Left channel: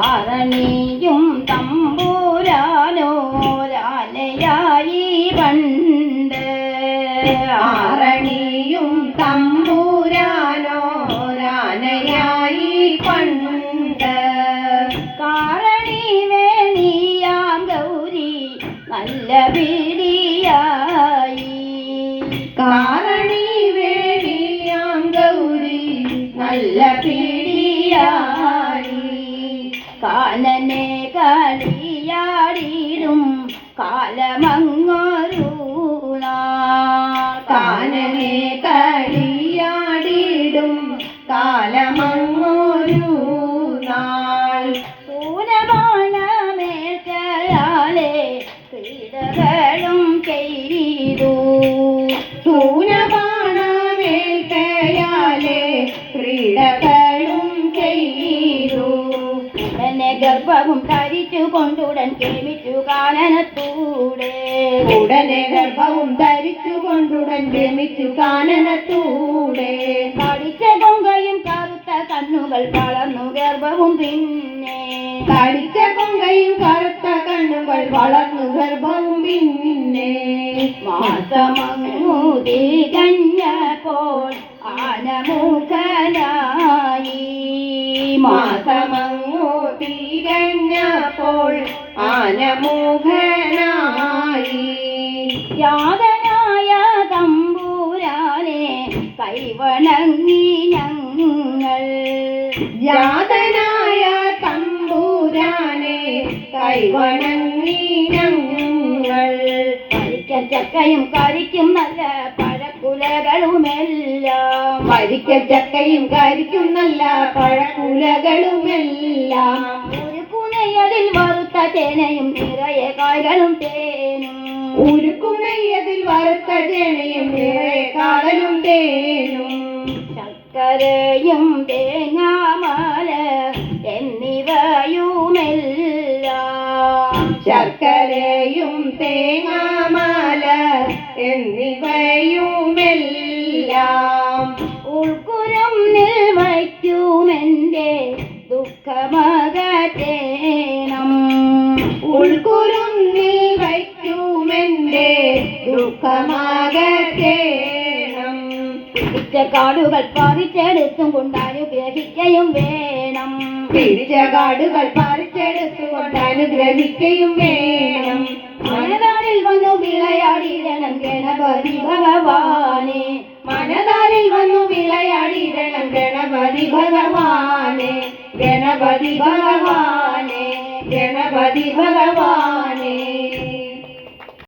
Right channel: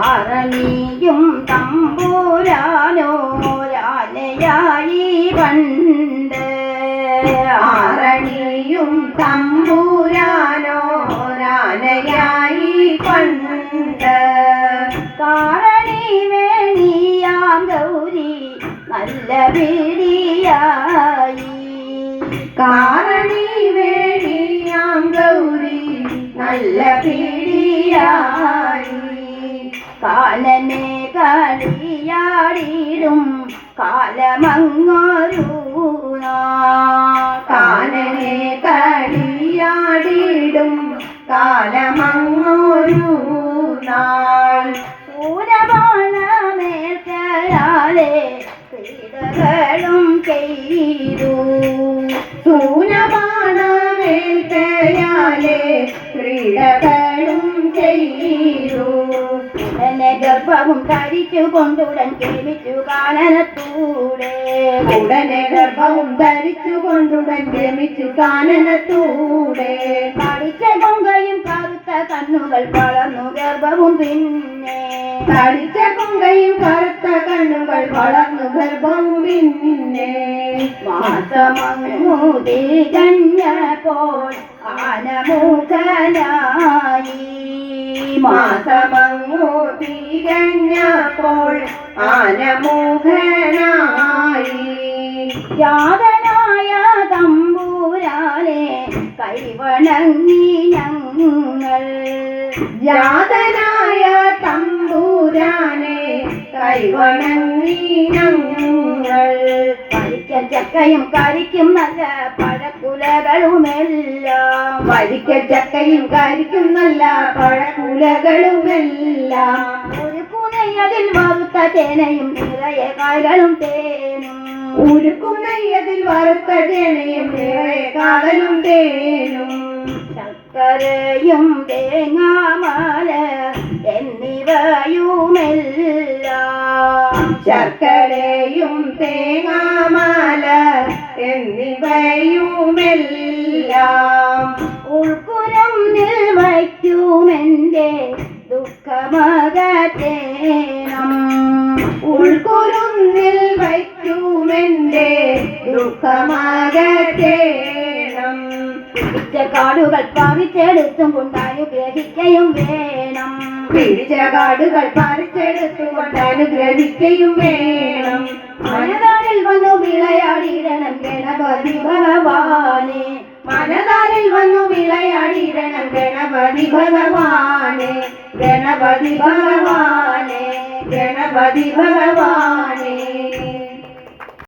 ആരണിയും തമ്പുരാനോരാനയായി പണ്ട് ആരണിയും തമ്പുരാനോരാനയായി പണ്ട് കാരണി വേണിയാം ഗൗരി നല്ല പിടിയായി കാരണി വേണിയാം ഗൗരി നല്ല പിടിയായി കാനനെ കളിയാടിടും കാലമങ്ങൊരു കാനനെ കളിയാടിടും കാലമങ്ങൊരു നാൾ ൂനമാണമേൽക്കയാലെ ക്രീഡകളും ചെയ്തു സൂനമാണമേൽക്കയാലെ ക്രീഡകളും ചെയ്തു ഉടനെ ഗർഭവും ധരിച്ചു കൊണ്ടുടൻ കേമിച്ചു കാനനത്തൂടെ ഉടനെ ഗർഭവും ധരിച്ചു കൊണ്ടുടൻ രമിച്ചു കാനനത്തൂടെ പഠിച്ച കൊങ്കയും കറുത്ത കണ്ണുകൾ വളർന്നു ഗർഭവും പിന്നെ തടിച്ച കൊങ്കയും കറുത്ത കണ്ണുകൾ വളർന്നു ഗർഭവും പിന്നെ മാസമൂതി കഞ്ഞപ്പോൾ ആനമുഖനായി മാസമങ്ങു തികഞ്ഞപ്പോൾ ആനമുഖനായി യാതനായ തമ്പുരാനെ കൈവണങ്ങി ഞങ്ങൾ യാതനായ തമ്പുരാനെ കൈവണങ്ങി ഞങ്ങൾ പരിക്കൻ ചക്കയും കരിക്കും നല്ല പഴക്കുലകളുമെല്ലാം വരിക്ക ചക്കയും കരിക്കും നല്ല പഴക്കുലകളുമെല്ലാം ഒരു പുനയതിൽ വറുത്ത തേനയും നിറയെ കായ്കളും തേനും ഉരുക്കുന്നതിൽ വറുത്ത ചേനയും നിറയെ കാതലും തേനും ശർക്കരയും തേങ്ങാമാല എന്നിവയുമെല്ലാം ശർക്കരയും തേങ്ങാമാല എന്നിവയുമെല്ലാം ഉൾക്കുരം വയ്ക്കുമെന്റെ ദുഃഖമകത്തേണം ഉൾക്കുരുന്നിൽ വയ്ക്കുമെന്റെ ദുഃഖമാകത്തേണം പിടിച്ച കാടുകൾ പറിച്ചെടുത്തും കൊണ്ടനുഗ്രഹിക്കയും വേണം പിടിച്ച കാടുകൾ പറിച്ചെടുത്തുകൊണ്ട് അനുഗ്രഹിക്കുകയും വേണം മനതാരിൽ വന്നു വിളയാടിയിടണം ഗണപതി ഭഗവാനെ മനതാരിൽ വന്നു വിളയാടിയിടണം ഗണപതി ഭഗവാനെ ഗണപതി ഭഗവാനെ ഗണപതി ഭഗവാനെ